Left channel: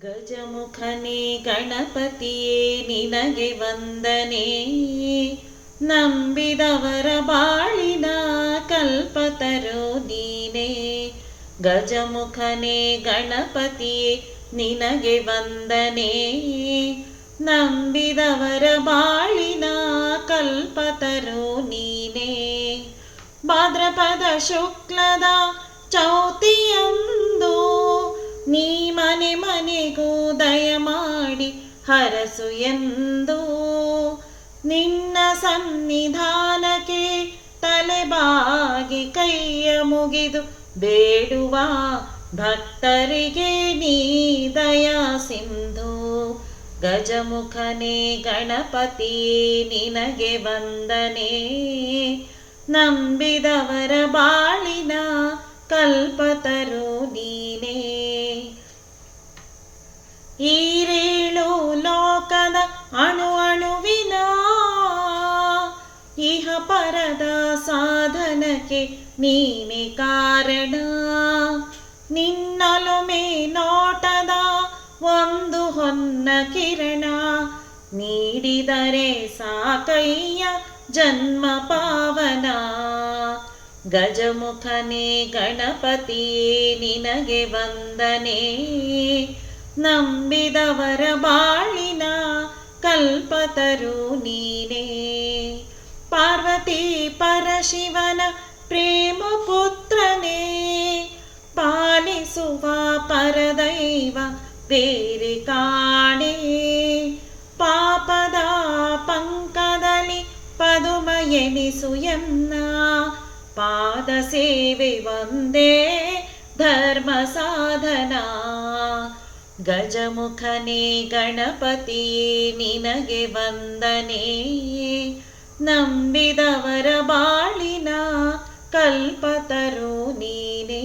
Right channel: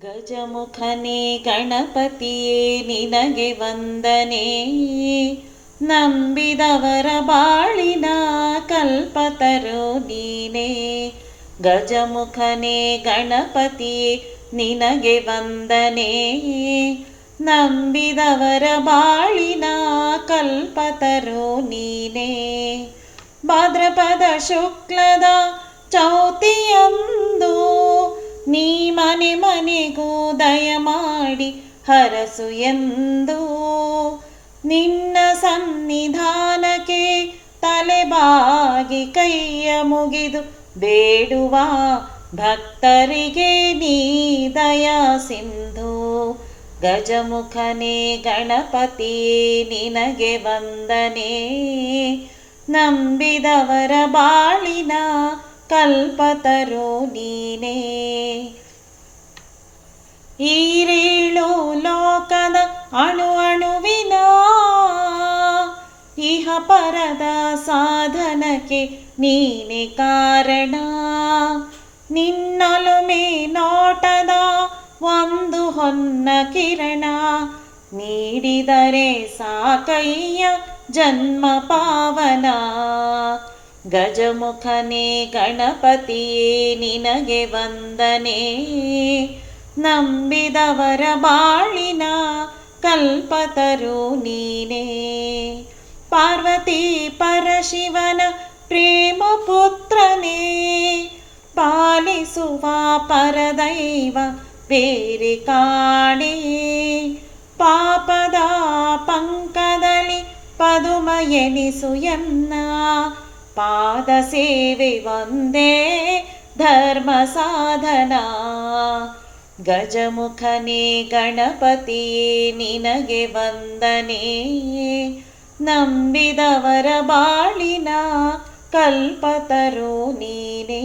ಗಜಮುಖನೇ ಗಣಪತಿಯೇ, ನಿನಗೆ ವಂದನೆ. ನಂಬಿದವರ ಬಾಳಿನ ಕಲ್ಪತರು ನೀನೇ. ಗಜಮುಖನೇ ಗಣಪತಿಯೇ, ನಿನಗೆ ವಂದನೆ. ನಂಬಿದವರ ಬಾಳಿನ ಕಲ್ಪತರು ನೀನೇ. ಭಾದ್ರಪದ ಶುಕ್ಲದ ಚೌತಿಯಂದು ನೀ ಮನೆ ಮನೆಗೂ ದಯ ಮಾಡಿ ಹರಸು ಎಂದು. ನಿನ್ನ ಸನ್ನಿಧಾನಕ್ಕೆ ತಲೆಬಾಗಿ ಕೈಯ ಮುಗಿದು ಬೇಡುವ ಭಕ್ತರಿಗೆ ನೀ ದಯಾ ಸಿಂಧು. ಗಜಮುಖನೇ ಗಣಪತಿ ನಿನಗೆ ವಂದನೆ. ನಂಬಿದವರ ಬಾಳಿನ ಕಲ್ಪತರು ನೀನೇ. ಈರೇಳು ಲೋಕದ ಅಣು ಅಣುವಿನ ಇಹ ಪರದ ಸಾಧನಕ್ಕೆ ನೀನೆ ಕಾರಣ. ನಿನ್ನಲುಮೆ ನೋಟದ ಒಂದು ಹೊನ್ನ ಕಿರಣ ನೀಡಿದರೆ ಸಾಕಯ್ಯ ಜನ್ಮ ಪಾವನ. ಗಜಮುಖನೇ ಗಣಪತಿಯೇ, ನಿನಗೆ ವಂದನೆ. ನಂಬಿದವರ ಬಾಳಿನ ಕಲ್ಪತರು ನೀನೇ. ಪಾರ್ವತಿ ಪರಶಿವನ ಪ್ರೇಮ ಪುತ್ರನೇ, ಪಾಲಿಸುವ ಪರದೈವ ಬೇರೆ ಕಾಣೆ. ಪಾಪದ ಪಂಕದಲ್ಲಿ ಪದುಮ ಎನಿಸು ಎನ್ನ ಪಾದ ಸೇವೆ ಒಂದೇ ಧರ್ಮ ಸಾಧನ. ಗಜಮುಖನೇ ಗಣಪತಿಯೇ ನಿನಗೆ ವಂದನೆ ನಂಬಿದವರ ಬಾಳಿನ ಕಲ್ಪತರು ನೀನೇ.